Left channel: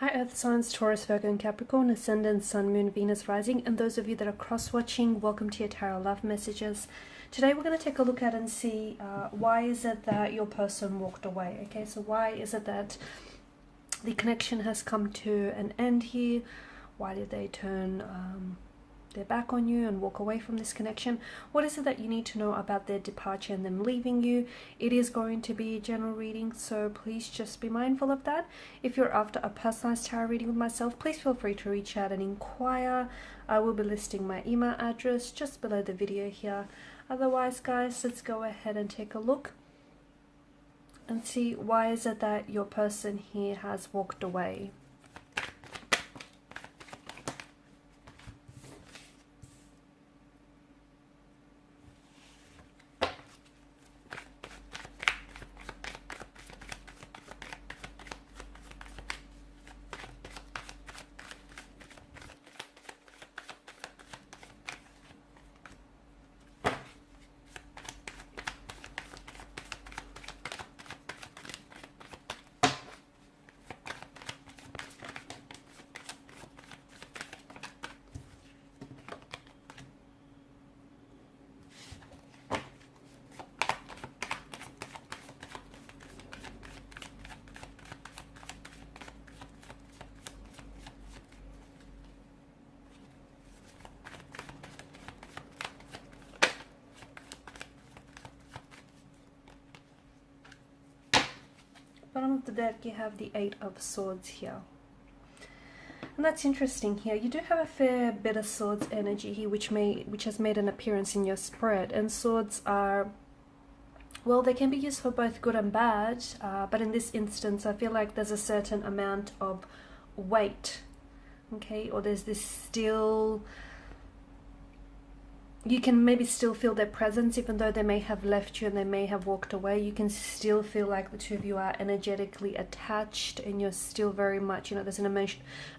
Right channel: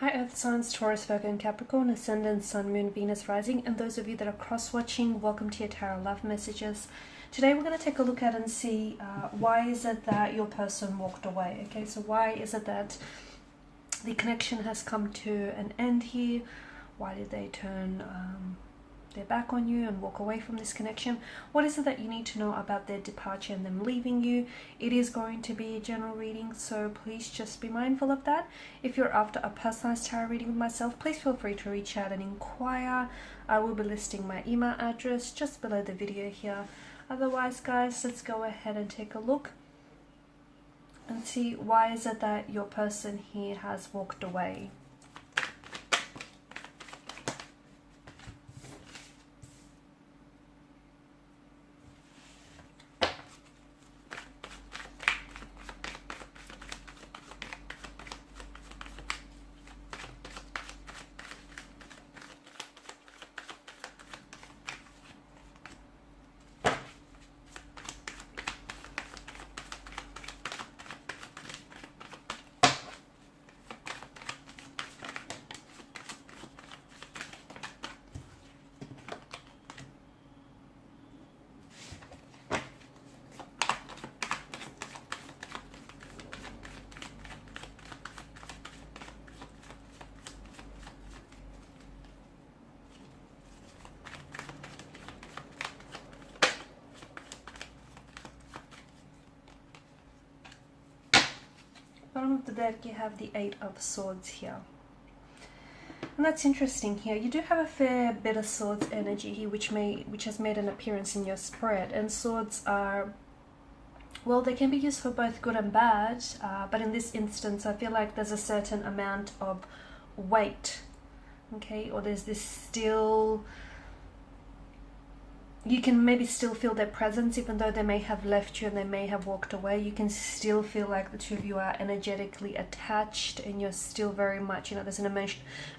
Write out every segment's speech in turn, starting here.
Hi Earth signs, Taurus, Virgo and Capricorn, Ascendant, Sun, Moon, Venus, Rising, and those of you that are cross-watching, welcome to your Tarot Love Messages. Today we're going to take a look at and see why is it that your person walked away, okay? So why is it that the connection has come to an end here? Why did they turn their back on you and walk away from this connection? What is it that you need to know about their departure and them leaving you? It is going to be a general reading, so please just be mindful of that. If you're after a personalized tarot reading with myself, please feel free to reach out and inquire. I will be listing my email address just below the video here. Otherwise, guys, let's go ahead and take a look and see why is it that your person here has walked away. Bottom of the deck, you have the Eight of Swords here. And that's interesting here. You do have a fair bit of Swords energy here, which has made an appearance in your spread. And swords are, well, they can be used for both good and bad. But in this instance, I feel like there's a certain amount of weight, okay? Or there's this still, you can maybe still feel their presence, even though they may have left you and they may have walked away. You can still feel like the two of you are energetically attached, and you're still very much, you know, there's an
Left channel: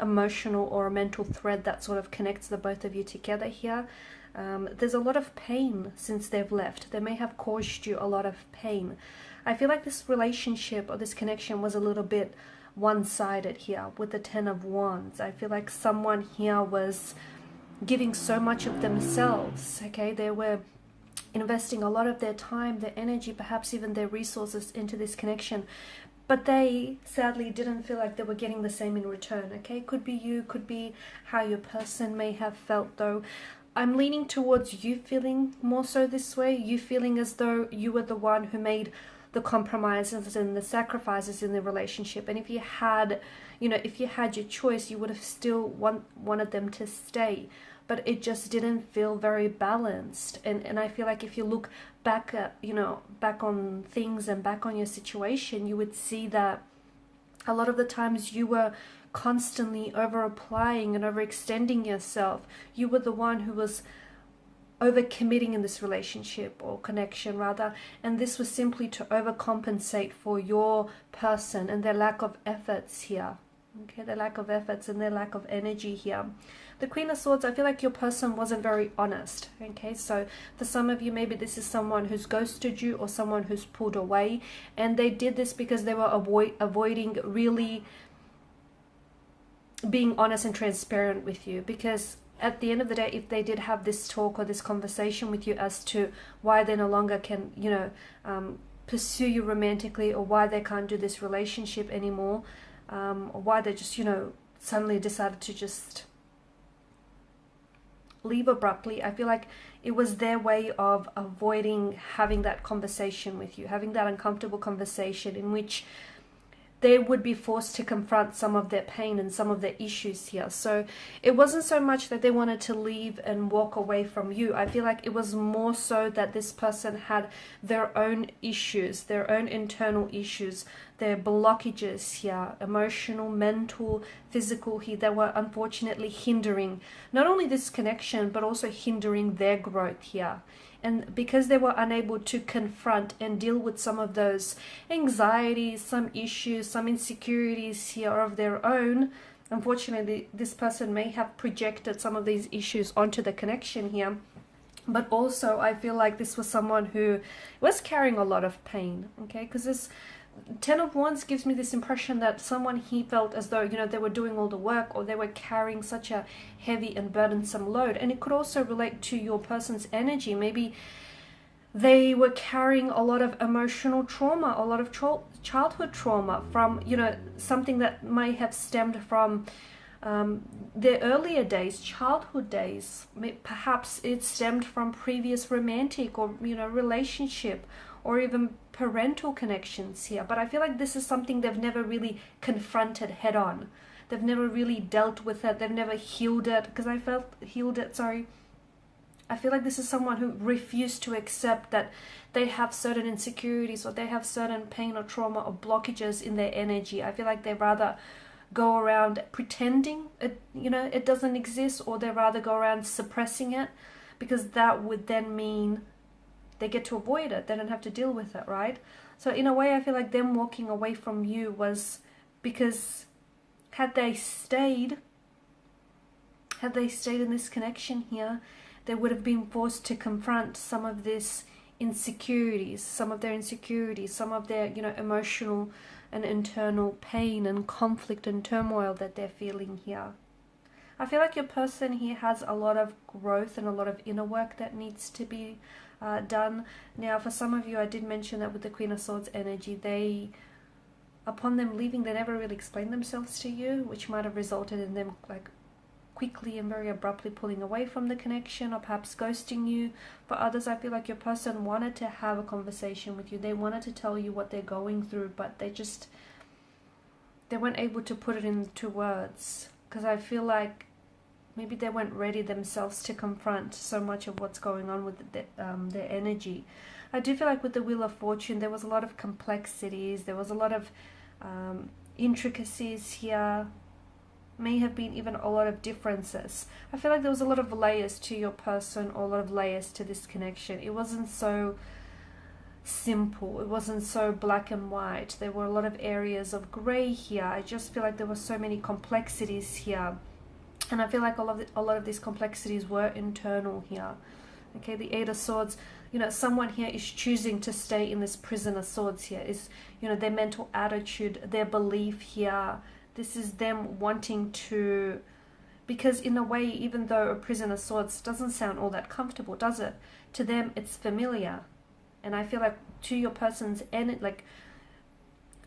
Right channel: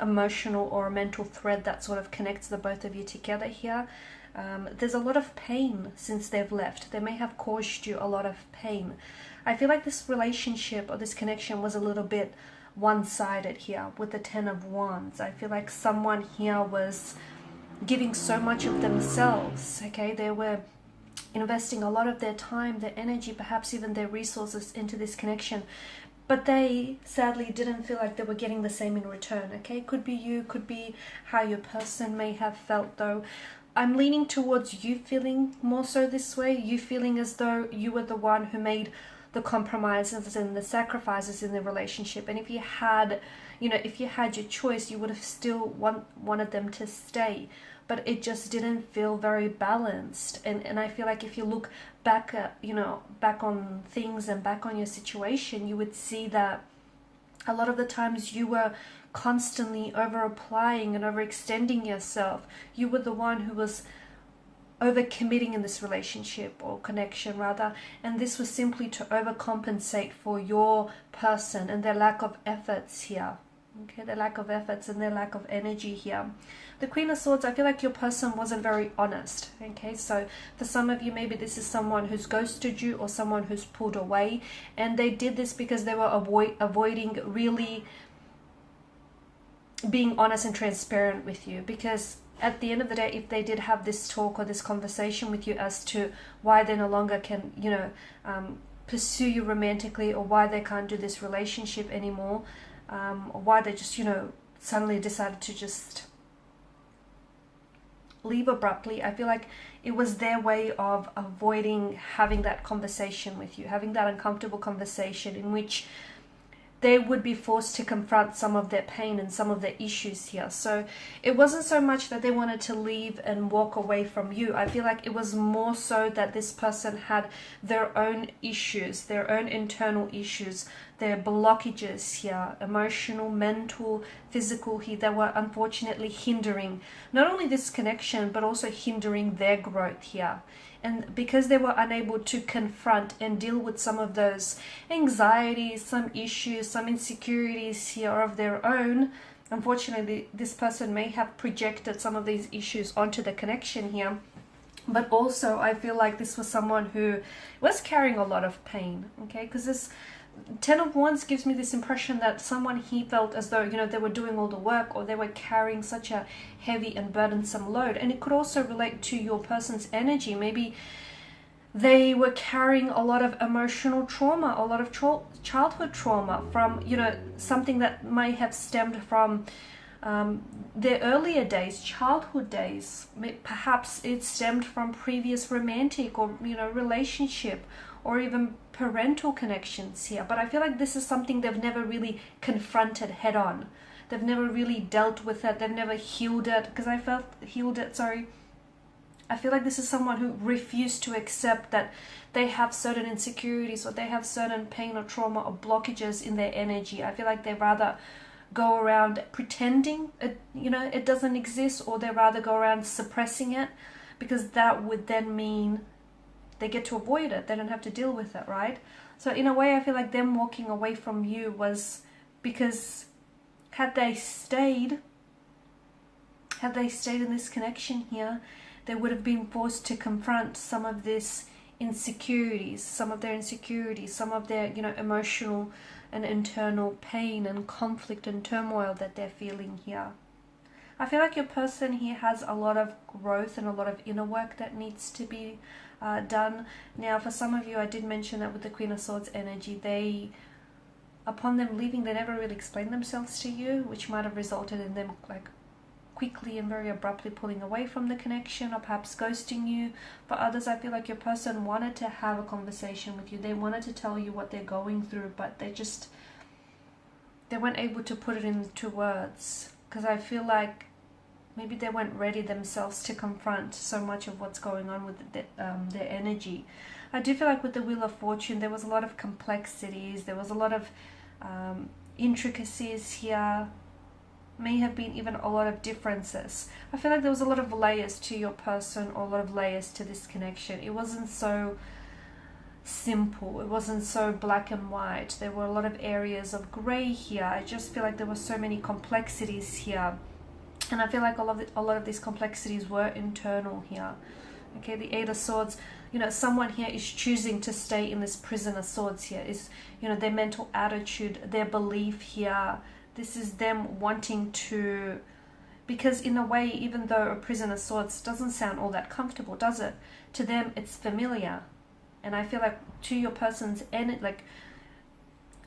emotional or a mental thread that sort of connects the both of you together here. There's a lot of pain since they've left. They may have caused you a lot of pain. I feel like this relationship or this connection was a little bit one-sided here with the Ten of Wands. I feel like someone here was giving so much of themselves, okay? They were investing a lot of their time, their energy, perhaps even their resources into this connection, but they sadly didn't feel like they were getting the same in return, okay? Could be you, could be how your person may have felt, though. I'm leaning towards you feeling more so this way, you feeling as though you were the one who made the compromises and the sacrifices in the relationship. And if you had, you know, if you had your choice, you would have still wanted them to stay, but it just didn't feel very balanced. And I feel like if you look back at, you know, back on things and back on your situation, you would see that a lot of the times you were constantly over applying and overextending yourself. You were the one who was overcommitting in this relationship or connection rather, and this was simply to overcompensate for your person and their lack of efforts here, okay? Their lack of efforts and their lack of energy here. The Queen of Swords, I feel like your person wasn't very honest, okay? So for some of you, maybe this is someone who's ghosted you or someone who's pulled away, and they did this because they were avoiding really being honest and transparent with you. Because at the end of the day, if they did have this talk or this conversation with you as to why they no longer can, you know, pursue you romantically, or why they can't do this relationship anymore, or why they just, you know, suddenly decided to just leave abruptly, I feel like it was their way of avoiding having that conversation with you, having that uncomfortable conversation in which they would be forced to confront some of their pain and some of their issues here. So it wasn't so much that they wanted to leave and walk away from you. I feel like it was more so that this person had their own issues, their own internal issues, their blockages here, emotional, mental, physical here, that were unfortunately hindering not only this connection, but also hindering their growth here. And because they were unable to confront and deal with some of those anxieties, some issues, some insecurities here of their own, unfortunately, this person may have projected some of these issues onto the connection here. But also, I feel like this was someone who was carrying a lot of pain, okay? Because Ten of Wands gives me this impression that someone he felt as though, you know, they were doing all the work, or they were carrying such a heavy and burdensome load. And it could also relate to your person's energy. Maybe they were carrying a lot of emotional trauma, a lot of childhood trauma from, you know, something that may have stemmed from their earlier days, childhood days. Perhaps it stemmed from previous romantic or, you know, relationship, or even parental connections here. But I feel like this is something they've never really confronted head on. They've never really dealt with it. They've never healed it, because I felt healed it, sorry. I feel like this is someone who refused to accept that they have certain insecurities, or they have certain pain or trauma or blockages in their energy. I feel like they rather go around pretending it, you know, it doesn't exist, or they rather go around suppressing it, because that would then mean they get to avoid it. They don't have to deal with it, right? So in a way, I feel like them walking away from you was because had they stayed in this connection here, they would have been forced to confront some of this insecurities, some of their, you know, emotional and internal pain and conflict and turmoil that they're feeling here. I feel like your person here has a lot of growth and a lot of inner work that needs to be done. Now, for some of you, I did mention that with the Queen of Swords energy, they, upon them leaving, they never really explained themselves to you, which might have resulted in them like quickly and very abruptly pulling away from the connection, or perhaps ghosting you. For others, I feel like your person wanted to have a conversation with you. They wanted to tell you what they're going through, but they weren't able to put it into words, because I feel like maybe they weren't ready themselves to confront so much of what's going on with their energy. I do feel like with the Wheel of Fortune, there was a lot of complexities, there was a lot of intricacies here, may have been even a lot of differences. I feel like there was a lot of layers to your person, or a lot of layers to this connection. It wasn't so simple, it wasn't so black and white. There were a lot of areas of grey here. I just feel like there were so many complexities here, and I feel like a lot of these complexities were internal here. Okay, the Eight of Swords, you know, someone here is choosing to stay in this prison of swords here, is, you know, their mental attitude, their belief here. This is them wanting to, because in a way, even though a prison of swords doesn't sound all that comfortable, does it? To them, it's familiar. And I feel like to your person's end, like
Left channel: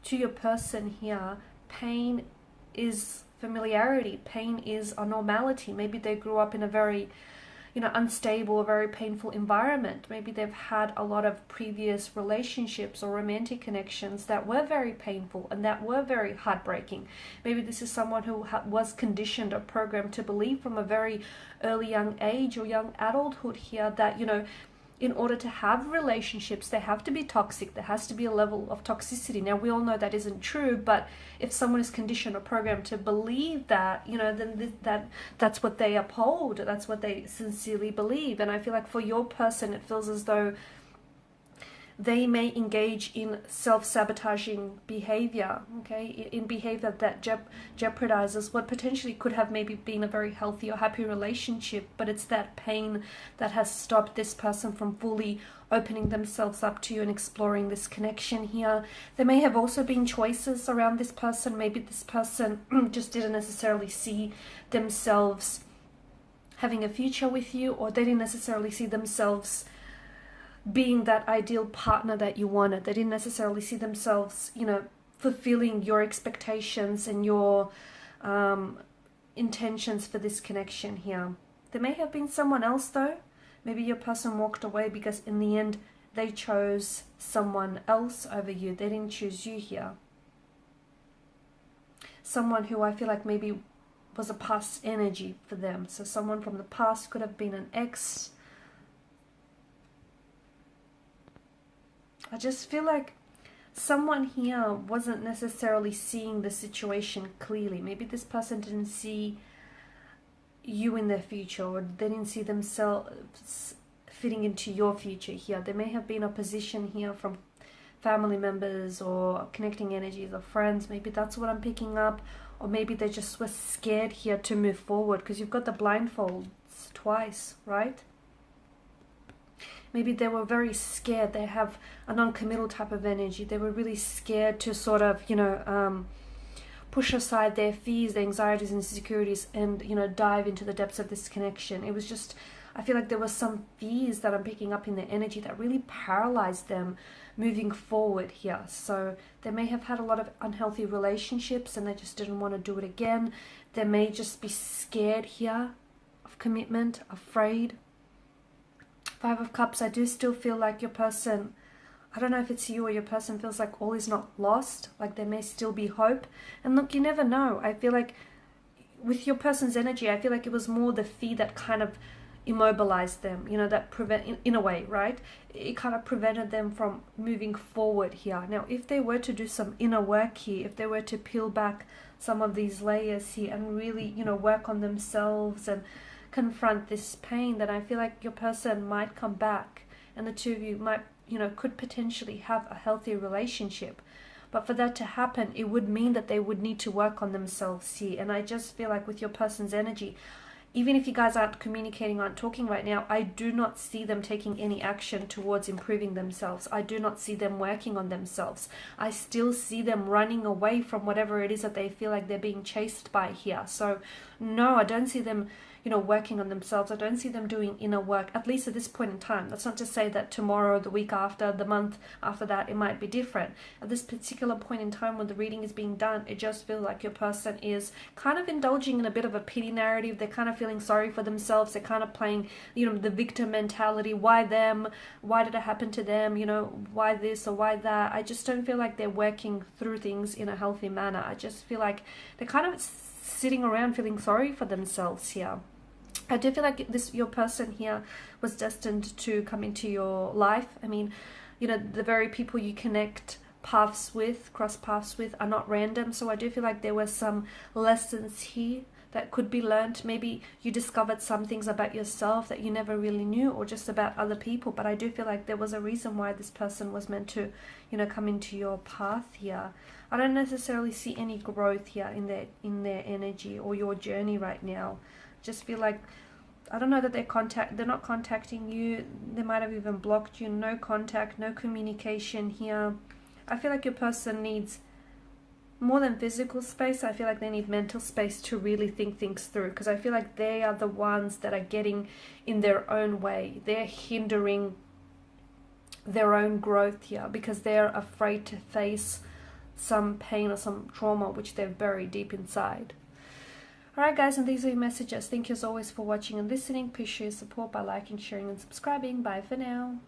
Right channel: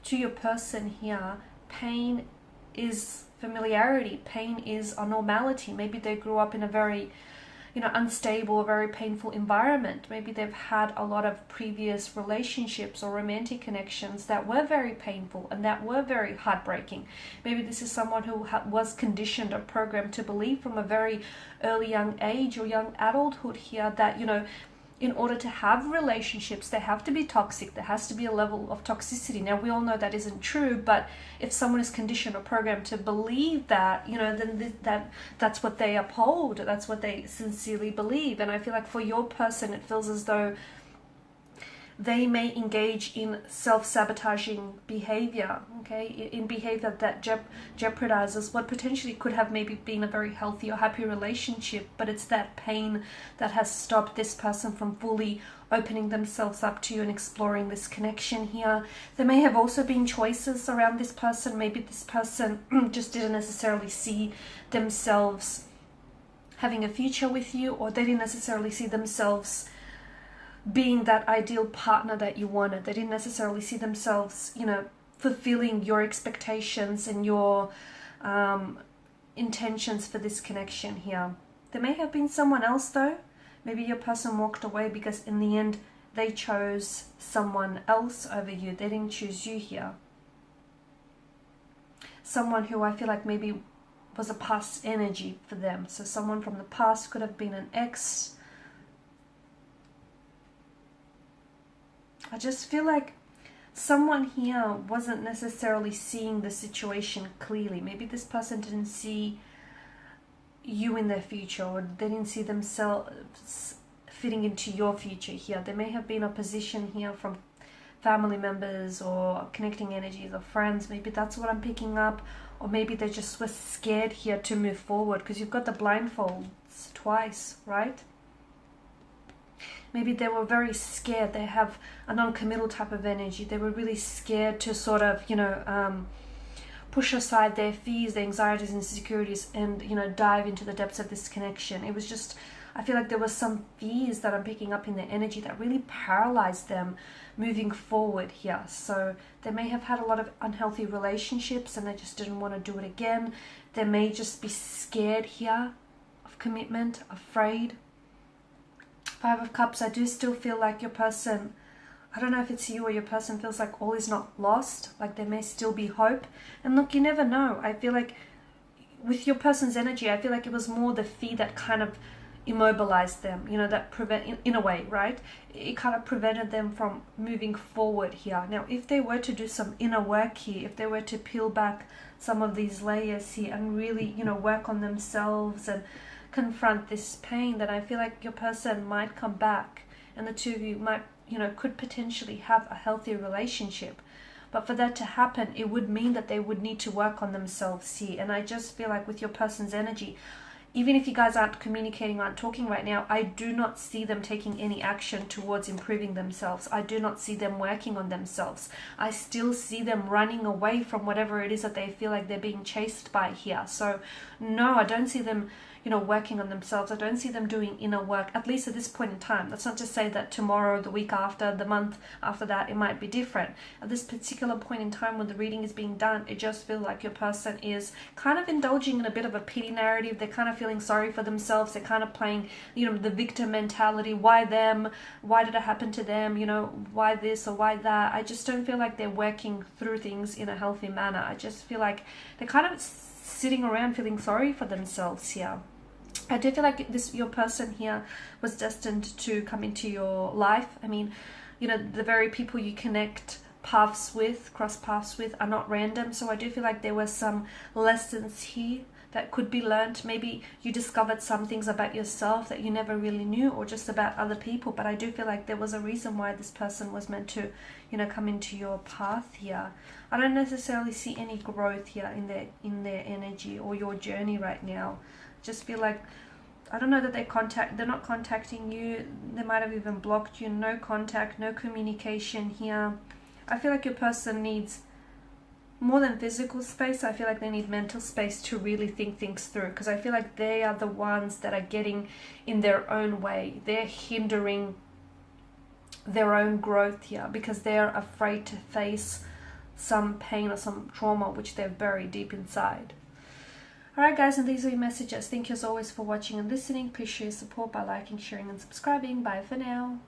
to your person here, pain is familiarity. Pain is a normality. Maybe they grew up in a very, you know, unstable, very painful environment. Maybe they've had a lot of previous relationships or romantic connections that were very painful and that were very heartbreaking. Maybe this is someone who was conditioned or programmed to believe from a very early young age or young adulthood here that, you know, in order to have relationships, they have to be toxic. There has to be a level of toxicity. Now, we all know that isn't true, but if someone is conditioned or programmed to believe that, you know, then that's what they uphold. That's what they sincerely believe. And I feel like for your person, it feels as though they may engage in self-sabotaging behavior, okay, in behavior that jeopardizes what potentially could have maybe been a very healthy or happy relationship, but it's that pain that has stopped this person from fully opening themselves up to you and exploring this connection here. There may have also been choices around this person. Maybe this person just didn't necessarily see themselves having a future with you, or they didn't necessarily see themselves being that ideal partner that you wanted. They didn't necessarily see themselves, you know, fulfilling your expectations and your intentions for this connection here. There may have been someone else though. Maybe your person walked away because in the end they chose someone else over you. They didn't choose you here. Someone who I feel like maybe was a past energy for them. So someone from the past, could have been an ex. I just feel like someone here wasn't necessarily seeing the situation clearly. Maybe this person didn't see you in their future, or they didn't see themselves fitting into your future here. There may have been opposition here from family members or connecting energies or friends. Maybe that's what I'm picking up. Or maybe they just were scared here to move forward, because you've got the blindfolds twice, right? maybe they were very scared. They have a non-committal type of energy. They were really scared to sort of, you know, push aside their fears, their anxieties and insecurities, and, you know, dive into the depths of this connection. It was just, I feel like there was some fears that I'm picking up in their energy that really paralyzed them moving forward here. So they may have had a lot of unhealthy relationships and they just didn't want to do it again. They may just be scared here of commitment, afraid. Five of Cups, I do still feel like your person, I don't know if it's you or your person, feels like all is not lost, like there may still be hope. And look, you never know. I feel like with your person's energy, I feel like it was more the fear that kind of immobilized them, you know, that in a way, right? It kind of prevented them from moving forward here. Now, if they were to do some inner work here, if they were to peel back some of these layers here and really, you know, work on themselves and confront this pain, then I feel like your person might come back and the two of you might, you know, could potentially have a healthy relationship. But for that to happen, it would mean that they would need to work on themselves here. And I just feel like with your person's energy, even if you guys aren't communicating, aren't talking right now, I do not see them taking any action towards improving themselves. I do not see them working on themselves. I still see them running away from whatever it is that they feel like they're being chased by here. So no, I don't see them, you know, working on themselves. I don't see them doing inner work, at least at this point in time. That's not to say that tomorrow, the week after, the month after that, it might be different. At this particular point in time when the reading is being done, it just feels like your person is kind of indulging in a bit of a pity narrative. They're kind of feeling sorry for themselves. They're kind of playing, you know, the victim mentality. Why them? Why did it happen to them? You know, why this or why that? I just don't feel like they're working through things in a healthy manner. I just feel like they're kind of sitting around feeling sorry for themselves here. I do feel like your person here was destined to come into your life. I mean, you know, the very people you connect paths with, cross paths with, are not random. So I do feel like there were some lessons here that could be learned. Maybe you discovered some things about yourself that you never really knew, or just about other people. But I do feel like there was a reason why this person was meant to, you know, come into your path here. I don't necessarily see any growth here in their energy or your journey right now. Just feel like, I don't know that they're not contacting you. They might have even blocked you. No contact, no communication here. I feel like your person needs more than physical space. I feel like they need mental space to really think things through, because I feel like they are the ones that are getting in their own way. They're hindering their own growth here because they're afraid to face some pain or some trauma which they've buried deep inside. Alright guys, and these are your messages. Thank you as always for watching and listening. Please show your support by liking, sharing and subscribing. Bye for now.